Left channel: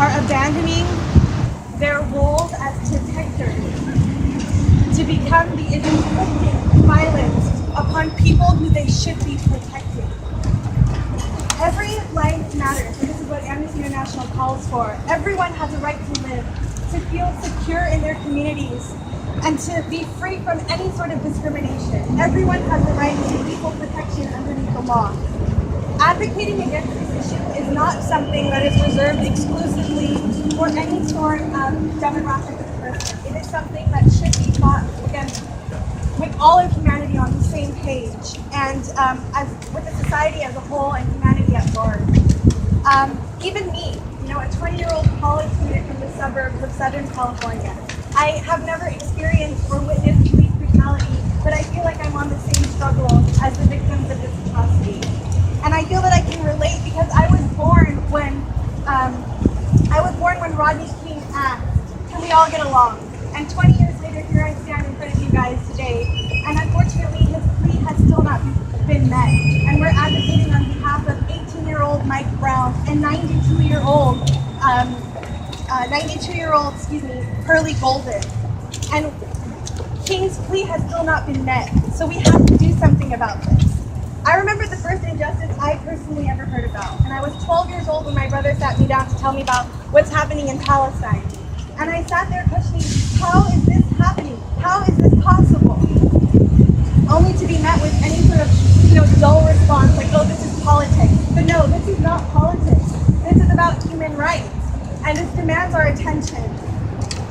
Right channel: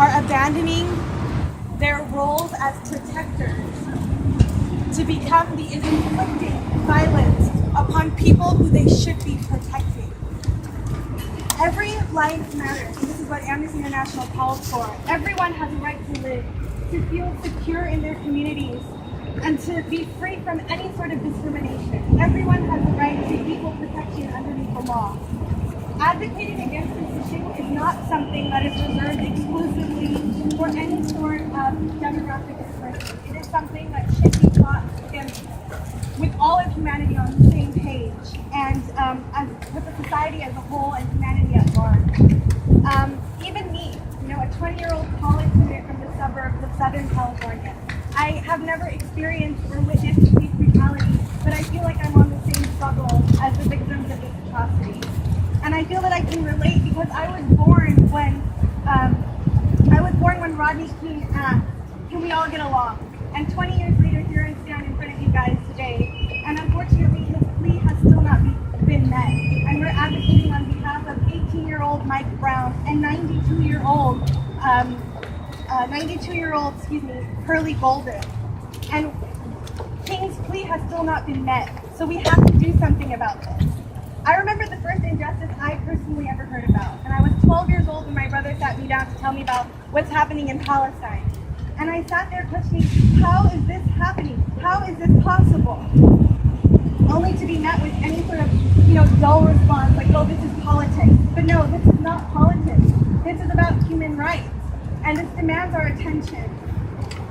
are abandoning their roles as protectors to become the inflicting violence upon people who they should be protecting. Every life matters, and this is what Amnesty International calls for. Everyone has a right to live, to feel secure in their communities, and to be free from any sort of discrimination. Everyone has the right to equal protection underneath the law. Advocating against this issue is not something that is reserved exclusively for any sort of demographic of person. It is something that should be fought against with all of humanity on the same page, and as with the society as a whole and humanity at large. Even me, a 20-year-old college student from the suburbs of Southern California, I have never experienced or witnessed police brutality, but I feel like I'm on the same struggle as the victims of this atrocity. And I feel that I can relate because I was born when Rodney King asked, "Can we all get along?" And 20 years later, here I stand in front of you guys today, and unfortunately, his plea has still not been met. And we're advocating on behalf of 18-year-old Mike Brown and 92-year-old Pearlie Golden. And King's plea has still not been met, so we have to do something about this. I remember the first injustice I personally ever heard about, and I was 12 years old when my brother sat me down to tell me about what's happening in Palestine. And I sat there questioning, how is this happening? How is this possible? Only to be met with any sort of, dull response like, oh, this is politics. But no, this is not politics. This is about human rights, and this demands our attention.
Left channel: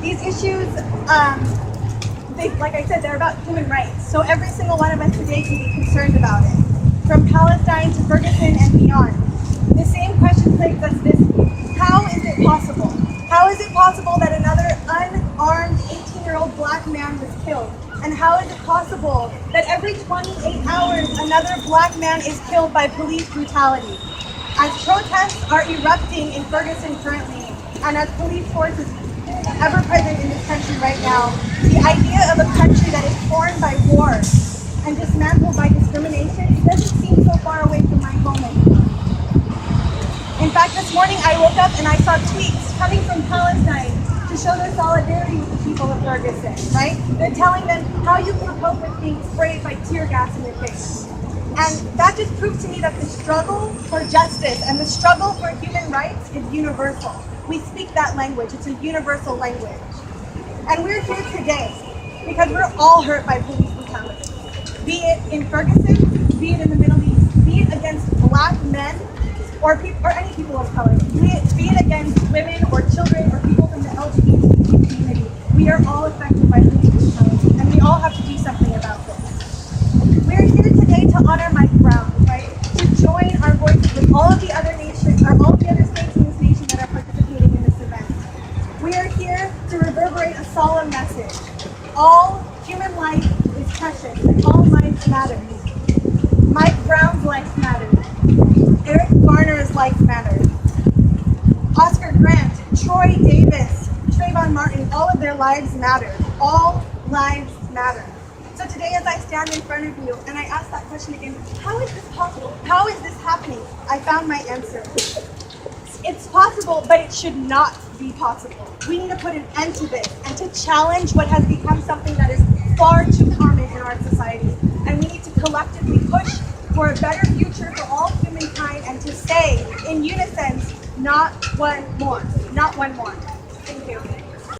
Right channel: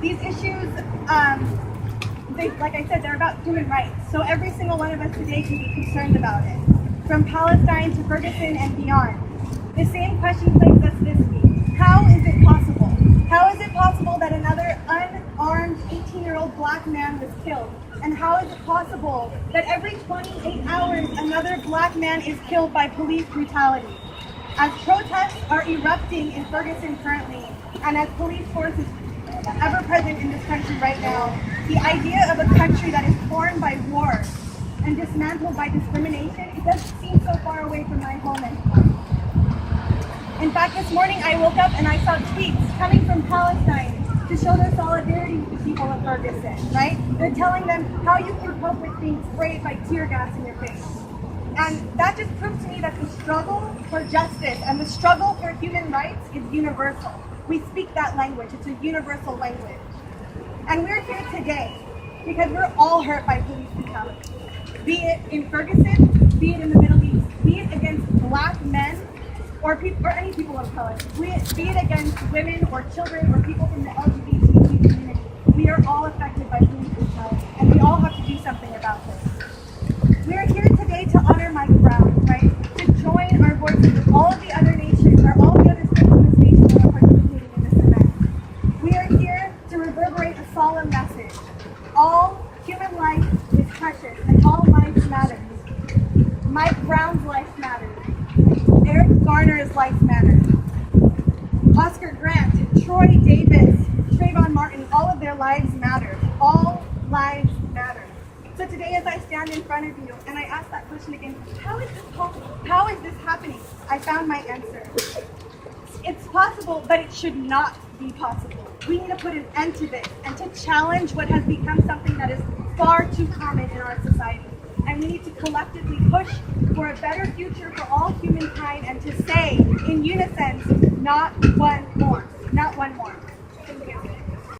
These issues, like I said, they're about human rights. So every single one of us today can be concerned about it. From Palestine to Ferguson and beyond. The same question plagues us this week. How is it possible? How is it possible that another unarmed 18-year-old black man was killed? And how is it possible that every 28 hours another black man is killed by police brutality? As protests are erupting in Ferguson currently, and as police forces ever present in this country right now, the idea of a country that is torn by war and dismantled by discrimination, it doesn't seem so far away from my home anymore. In fact, this morning I woke up and I saw tweets coming from Palestine to show their solidarity with the people of Ferguson, right? They're telling them how you can cope with being sprayed by tear gas in your face. And that just proves to me that the struggle for justice and the struggle for human rights is universal. We speak that language. It's a universal language. And we're here today because we're all hurt by police brutality. Be it in Ferguson, be it in the Middle East, be it against black men or any people of color, be it against women or children or people from the LGBTQ community. We are all affected by police brutality, and we all have to do something about this. We're here today to honor Mike Brown, right? To join our voices with all of the other nations, or all of the other states in this nation that are participating in this event. We are here to reverberate a solemn message. All human life is precious, and all lives matter. Mike Brown's life matters. Eric Garner's life matters. Oscar Grant, Troy Davis, Trayvon Martin, all of their lives matter. All lives matter. So today, as I stand in front of you and I ask that question again, how is this possible? How is this happening? I found my answer. It's possible, but it should not be possible. We need to put an end to this and to challenge what has become something that is far too common in our society. And we need to collectively push for a better future for all humankind and to say in unison, not one more. Not one more. Thank you.